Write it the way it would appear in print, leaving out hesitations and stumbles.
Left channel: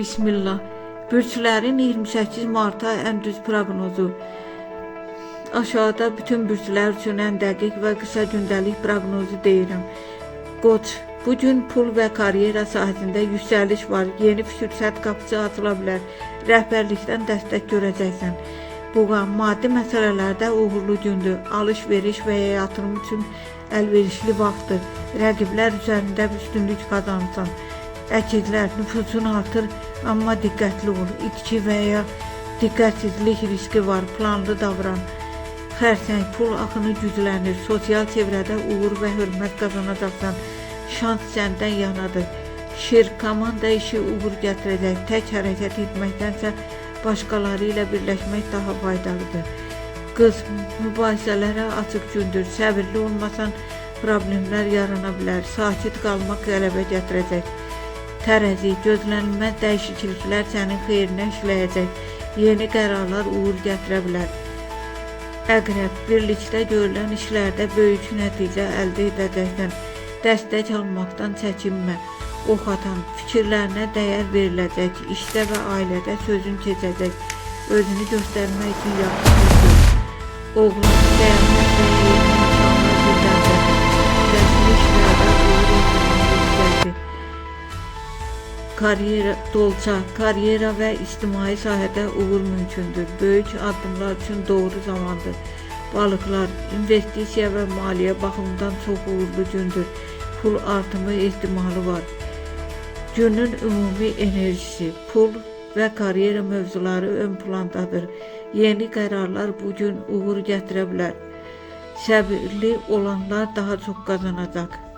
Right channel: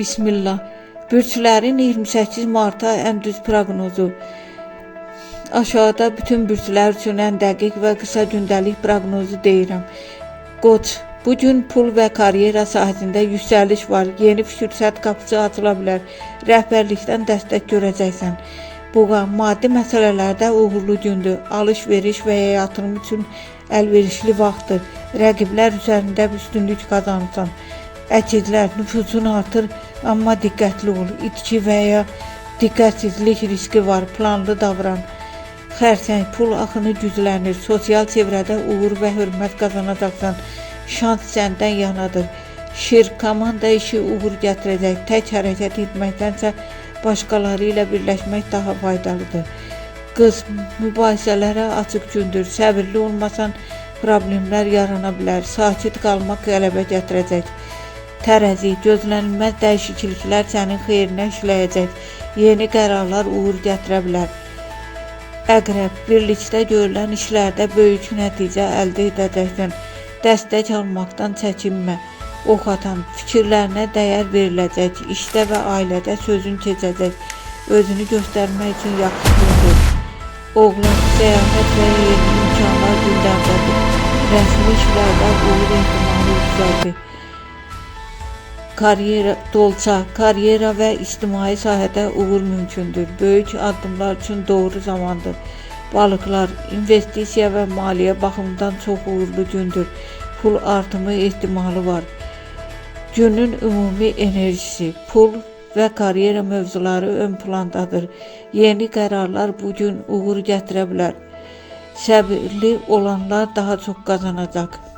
Bismillah. Bürçlərin 28 Mart'a ən düz proqnozu. Aşağıda bütün bürçlər üçün ən dəqiq və qısa gündəlik proqnozu deyirəm. Qoç, bugün pul və karyera sahəsində yüksəliş var. Yeni fürsət qapısı açıla bilər. Rəhbərlikdən dəstək görəcəksən. Boğa, maddi məsələlərdə uğurlu gündür. Alış-veriş və ya yatırım üçün əlverişli vaxtdır. Rəqiblər üzərində üstünlük qazanırsan. Əkizlər, nüfuzun artır, amma diqqətli ol. İtki və ya diqqətsizlik riski var. Planlı davran. Xərsəng, pul axını güclənir. Sosial çevrədə uğur və hörmət qazanacaqsan. Şans səndən yanadır. Şir, komanda işi uğur gətirəcək. Tək hərəkət etməkdənsə başqaları ilə birləşmək daha faydalıdır. Qız, mübahisələrə açıq gündür. Səbirli olmasan problemlər yarana bilər. Sakit qalmaq qələbə gətirəcək. Tərəzi, gözlənilməz dəyişikliklər sənin xeyrinə işləyəcək. Yeni qərarlar uğur gətirə bilər. Əqrəb, birlikdə görülən işlərdə böyük nəticə əldə edəcəksən. Dəstək almaqdan çəkinmə. Ox atan, fikirlərinə dəyər veriləcək. İşdə və ailədə sözün keçəcək. Özünü göstərmək üçün yaxşı gündür. Oğlan, səyahət və yeni imkanlar gündəmdədir. Rəsmi işlərdə uğur ehtimalı yüksəldir. Karyera və ictimai sahədə uğur mümkündür. Böyük addımlar üçün doğru zamandır. Balıqlar, investisiya və maliyyə baxımından çox uğurlu gündür. Pul artımı ehtimalı var. Günün ümumi enerjisi, pul və karyera mövzuları ön plandadır. Yeni qərarlar bugün uğur gətirə bilər. Səbirli olanlar daha çox qazanacaq.